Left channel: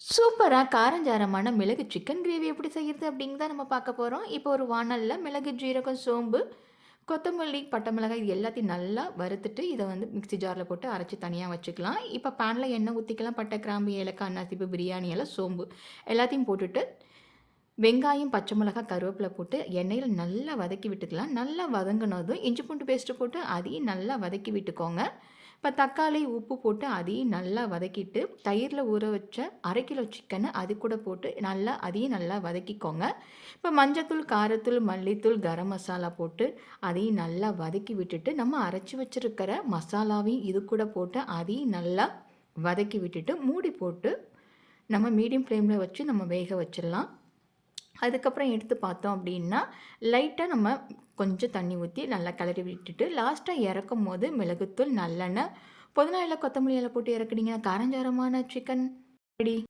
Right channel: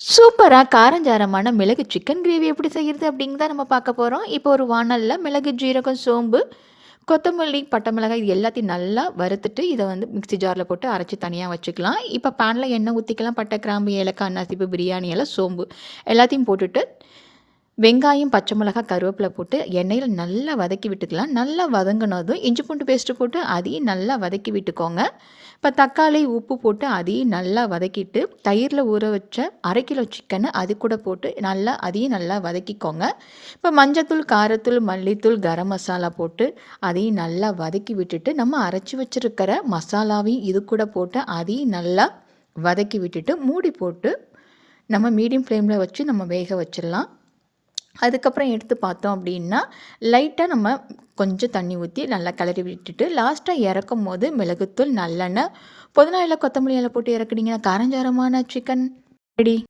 சூப்பராக காரஞ்சாரமான மிளகு chicken gravy எப்படி செய்கிறது அப்படிங்கிறத நம்ம பார்க்க போகிறோம் இப்போ ஒரு வானலில் மிளகு ஜீரகம் சோம்பு கொத்தமல்லி பட்டை மிளகாய் இது எல்லாத்தையும் நல்லா வறுத்துட்டு இதை வந்து மிக்சி ஜாரில் போட்டு அரைச்சி தனியாக வச்சுக்கலாம். இப்போ பேனில் எண்ணெய் ஊற்றிக்கலாம் பட்டை கிராம்பு ஏலக்காய் நசிப்பு பிரியாணி எல்லாம் சோம்பு எல்லாத்தையும் போட்டுட்டு வெங்காயம் பச்சை மிளகாய் கருவேப்பிலை போட்டு எண்ணெயில் நல்லா வதக்கி விட்டுக்கலாம். நல்லா வதங்கினதும் இஞ்சி பூண்டு பேஸ்ட்டு போட்டு அதையும் நல்லா வதக்கி விட்டுக்கோங்க. இப்போ தக்காளி உப்பு போட்டு அதையும் நல்லா வதக்கிட்டு தயிரில் ஊற வச்ச அரை கிலோ சிக்கனை அது கூட போட்டு நல்லா அதையும் நல்லா வதக்கிக்கோங்க. இப்போ மஞ்சத்தூள் காரத்தூள் மல்லித்தூள் கரம் மசாலா போட்டு அதையும் நல்லா வதக்கி விட்டுட்டு நம்ம அரைச்சி வச்சுருக்கிற மசாலாவையும் இது கூட போட்டு அதையும் நல்லா வதக்கி விட்டுட்டு மூடி போட்டு நம்ம மீடியம் ஃப்ளேமில் வச்சு நம்ம வேக வச்சிடலாம். அதுக்கப்புறம் எடுத்து பார்த்தோம் அப்படின்னா லைட்டாக நம்ம கொஞ்சம் தண்ணி ஊற்றி நல்லா கிளறி விட்டுட்டு லாஸ்ட்டாக இறக்கும் போது மிளகுத்தூள் நல்லெண்ணெய் புதினா இலை கொத்தமல்லி இலை போட்டு இறக்குனீங்கன்னா காரஞ்சாரமான சிக்கன் ரெடி